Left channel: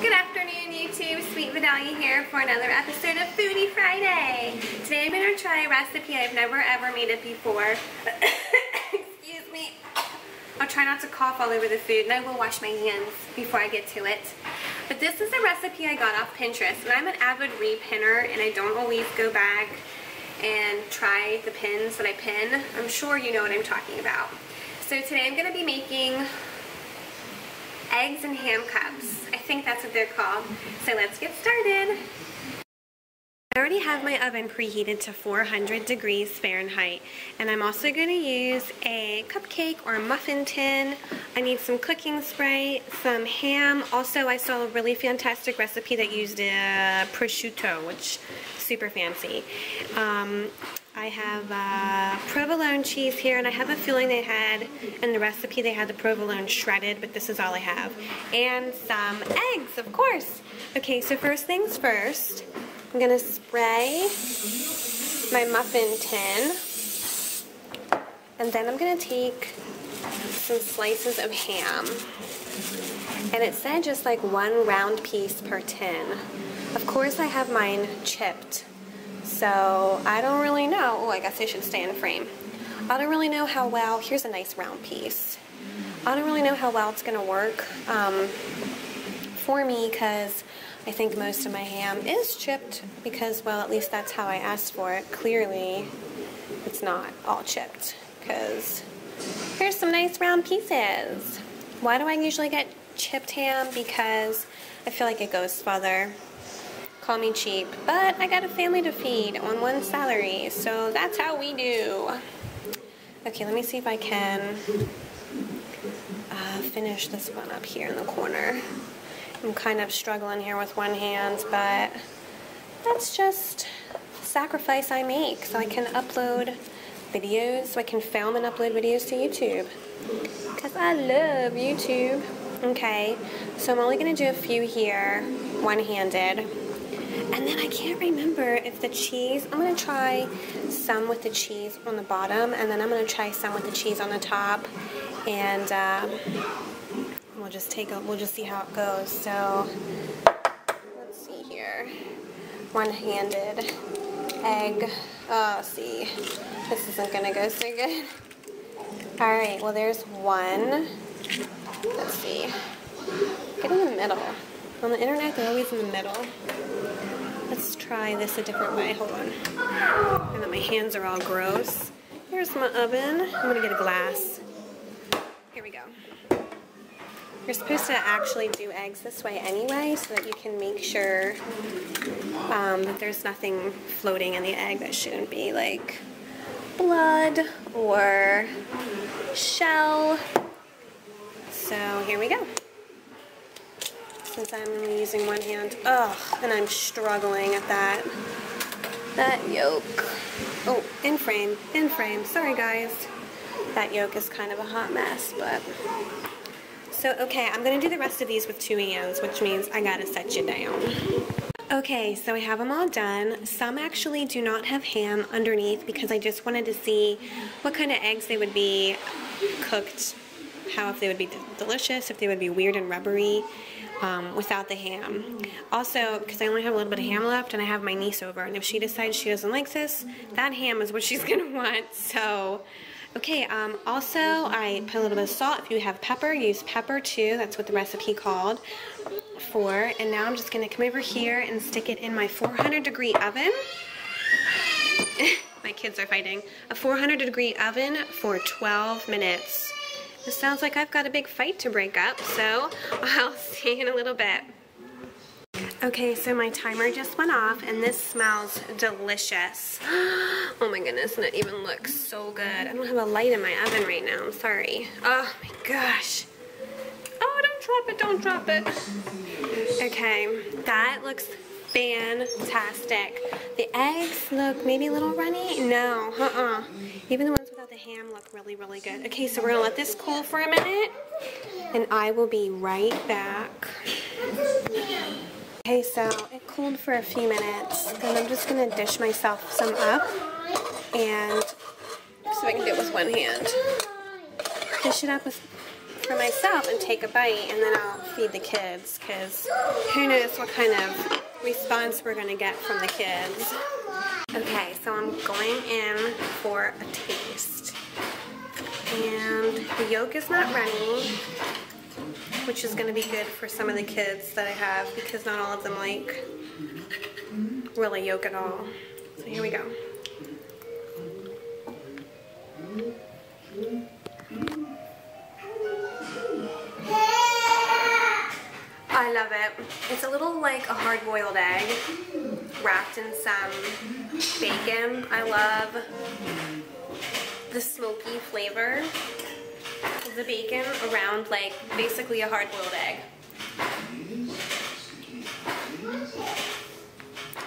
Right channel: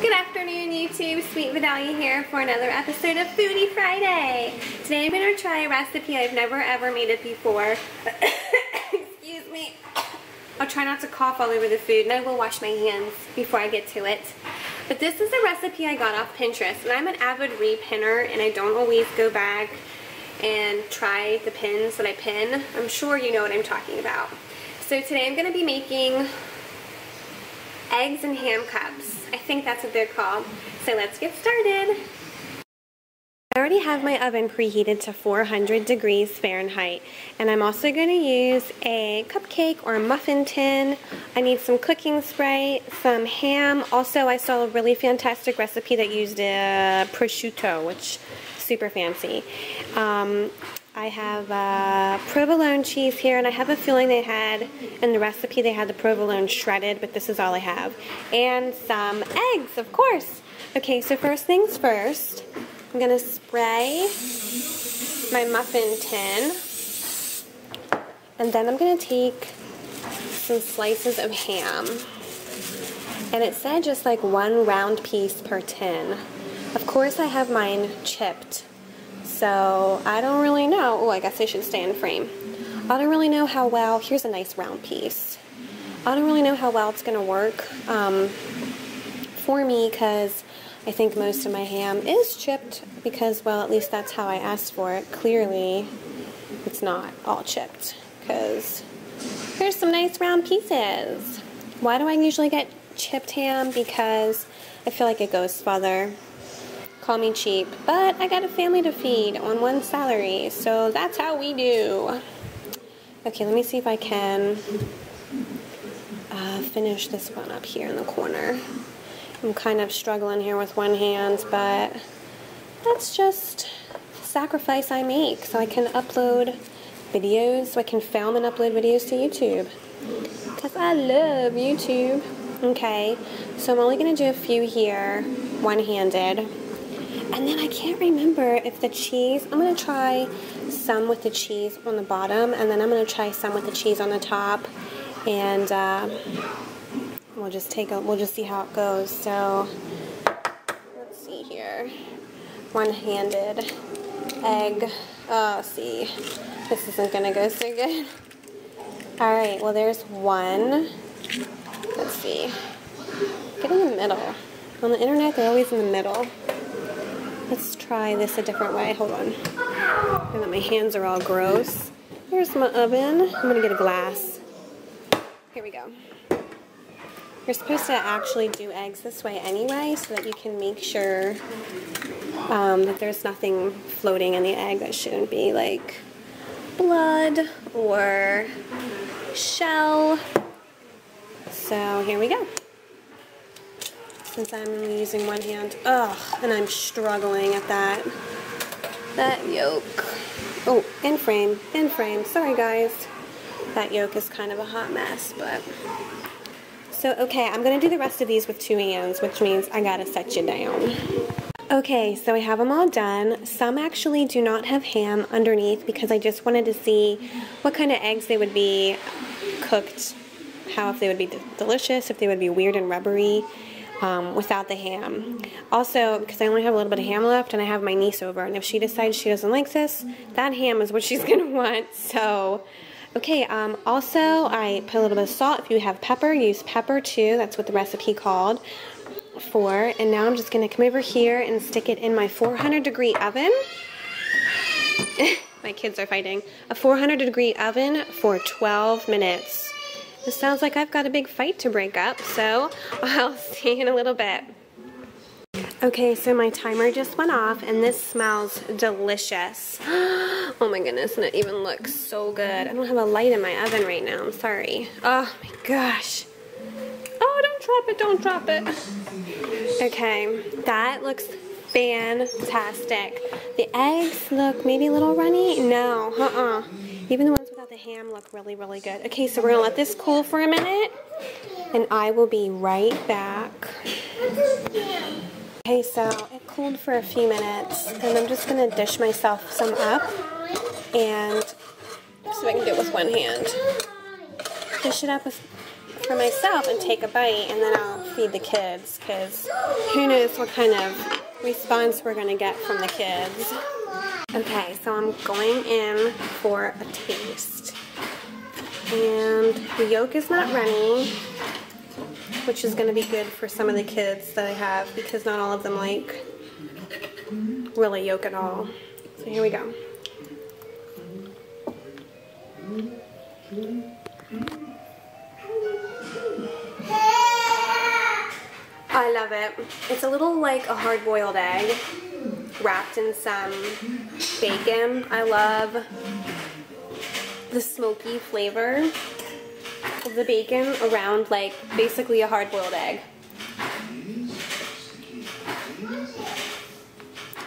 Good afternoon, YouTube. Sweet Vidalia here for another episode of Foodie Friday. Today I'm going to try a recipe I've never ever made it before. Excuse me. I'll try not to cough all over the food, and I will wash my hands before I get to it. But this is a recipe I got off Pinterest, and I'm an avid repinner, and I don't always go back and try the pins that I pin. I'm sure you know what I'm talking about. So today I'm going to be making eggs and ham cups. I think that's what they're called. So let's get started. I already have my oven preheated to 400 degrees Fahrenheit, and I'm also going to use a cupcake or a muffin tin. I need some cooking spray, some ham. Also, I saw a really fantastic recipe that used prosciutto, which is super fancy. I have provolone cheese here, and I have a feeling they had, in the recipe, they had the provolone shredded, but this is all I have. And some eggs, of course. Okay, so first things first, I'm going to spray my muffin tin, and then I'm going to take some slices of ham. And it said just like one round piece per tin. Of course, I have mine chipped. So, I don't really know. Oh, I guess I should stay in frame. I don't really know how well. Here's a nice round piece. I don't really know how well it's going to work for me, because I think most of my ham is chipped because, well, at least that's how I asked for it. Clearly, it's not all chipped, because here's some nice round pieces. Why do I usually get chipped ham? Because I feel like it goes farther. Call me cheap, but I got a family to feed on one salary, so that's how we do. Okay, let me see if I can finish this one up here in the corner. I'm kind of struggling here with one hand, but that's just sacrifice I make so I can upload videos, so I can film and upload videos to YouTube, because I love YouTube. Okay, so I'm only going to do a few here, one-handed. And then I can't remember if the cheese, I'm going to try some with the cheese on the bottom, and then I'm going to try some with the cheese on the top, and we'll just see how it goes. So, let's see here. One-handed egg. Oh, see, this isn't going to go so good. Alright, well there's one. Let's see. Get in the middle. On the internet, they're always in the middle. Let's try this a different way. Hold on. And then my hands are all gross. Here's my oven. I'm going to get a glass. Here we go. You're supposed to actually do eggs this way anyway, so that you can make sure that there's nothing floating in the egg that shouldn't be, like blood or shell. So here we go. Since I'm only using one hand. Ugh, and I'm struggling at that yolk. Oh, in frame. Sorry, guys. That yolk is kind of a hot mess, but... So, okay, I'm going to do the rest of these with two hands, which means I gotta set you down. Okay, so I have them all done. Some actually do not have ham underneath, because I just wanted to see what kind of eggs they would be cooked, if they would be delicious, if they would be weird and rubbery. Without the ham. Also, because I only have a little bit of ham left, and I have my niece over, and if she decides she doesn't like this, that ham is what she's going to want. So, okay, also, I put a little bit of salt. If you have pepper, use pepper too. That's what the recipe called for. And now I'm just going to come over here and stick it in my 400-degree oven. My kids are fighting. A 400-degree oven for 12 minutes. This sounds like I've got a big fight to break up, so I'll see you in a little bit. Okay, so my timer just went off, and this smells delicious. Oh my goodness, and it even looks so good. I don't have a light in my oven right now, I'm sorry. Oh my gosh. Oh, don't drop it. Okay, that looks fantastic. The eggs look maybe a little runny. No, Even the ones without the ham look really, really good. Okay, so we're going to let this cool for a minute, and I will be right back. Okay, so it cooled for a few minutes, and I'm just going to dish myself some up, and see if I can do it with one hand. Dish it up with for myself and take a bite, and then I'll feed the kids, because who knows what kind of response we're going to get from the kids. Okay, so I'm going in for a taste. And the yolk is not runny, which is going to be good for some of the kids that I have, because not all of them like really yolk at all. So here we go. I love it. It's a little like a hard-boiled egg wrapped in some bacon. I love the smoky flavor of the bacon around like basically a hard-boiled egg.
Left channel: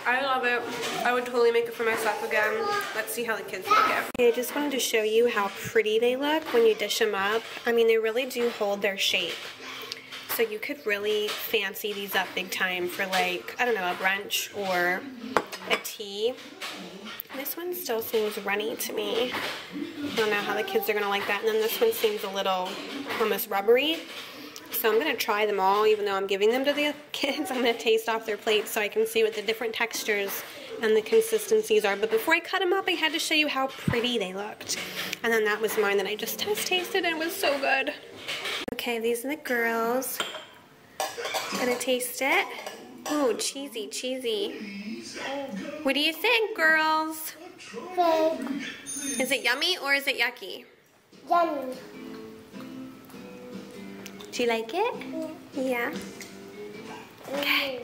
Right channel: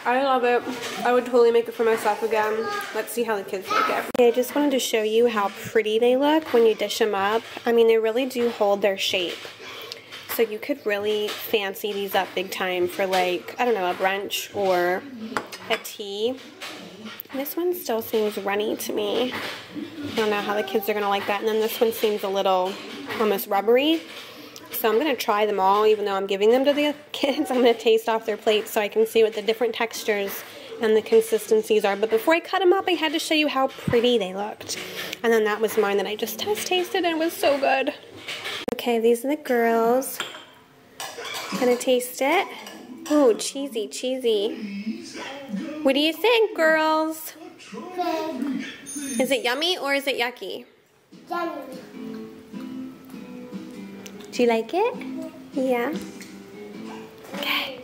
I love it. I would totally make it for myself again. Let's see how the kids like it. Okay, I just wanted to show you how pretty they look when you dish them up. I mean, they really do hold their shape. So you could really fancy these up big time for like, I don't know, a brunch or a tea. This one still seems runny to me. I don't know how the kids are going to like that. And then this one seems a little almost rubbery. So I'm going to try them all, even though I'm giving them to the kids. I'm going to taste off their plates so I can see what the different textures and the consistencies are. But before I cut them up, I had to show you how pretty they looked. And then that was mine that I just tasted, and it was so good. Okay, these are the girls. Gonna taste it. Oh, cheesy, cheesy. What do you think, girls? Is it yummy or is it yucky? Yummy. Do you like it? Yeah. Okay.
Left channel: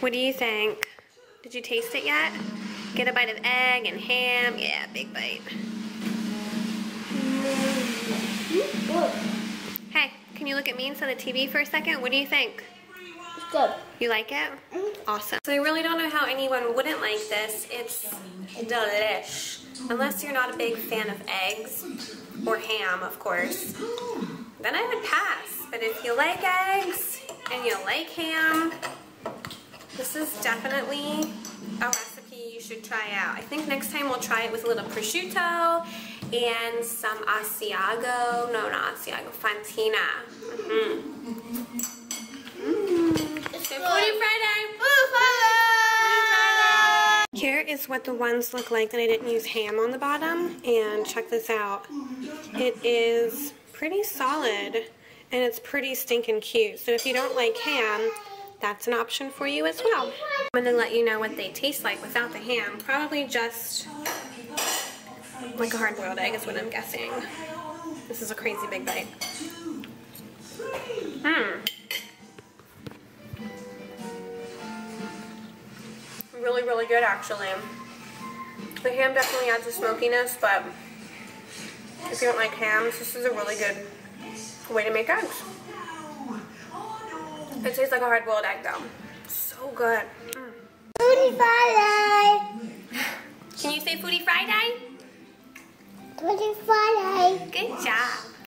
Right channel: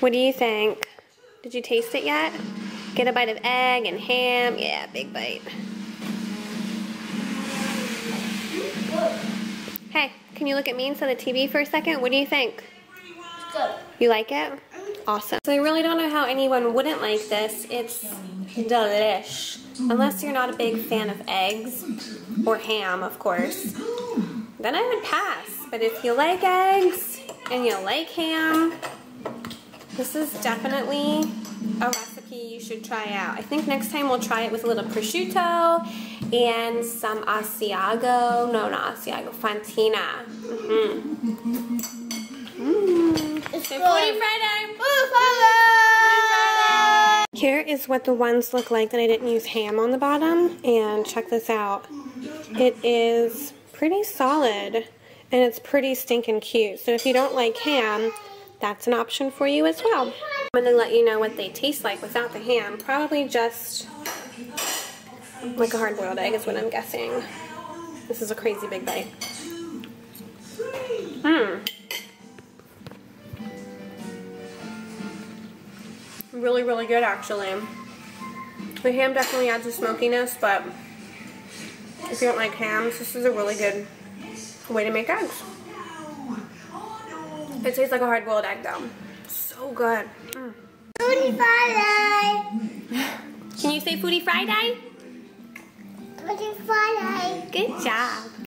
What do you think? Did you taste it yet? Get a bite of egg and ham. Yeah, big bite. Hey, can you look at me instead of TV for a second? What do you think? Good. You like it? Awesome. So I really don't know how anyone wouldn't like this. It's delish. Unless you're not a big fan of eggs, or ham, of course, then I would pass. But if you like eggs, and you like ham, this is definitely a recipe you should try out. I think next time we'll try it with a little prosciutto and some Asiago. No, not Asiago, Fantina. It's Foodie Friday! Here is what the ones look like that I didn't use ham on the bottom. And check this out. It is pretty solid, and it's pretty stinking cute. So if you don't like ham, that's an option for you as well. I'm going to let you know what they taste like without the ham. Probably just like a hard-boiled egg is what I'm guessing. This is a crazy big bite. Really, really good, actually. The ham definitely adds a smokiness, but if you don't like hams, this is a really good way to make eggs. It tastes like a hard-boiled egg, though. So good. Foodie Friday. Can you say Foodie Friday? Foodie Friday. Good job.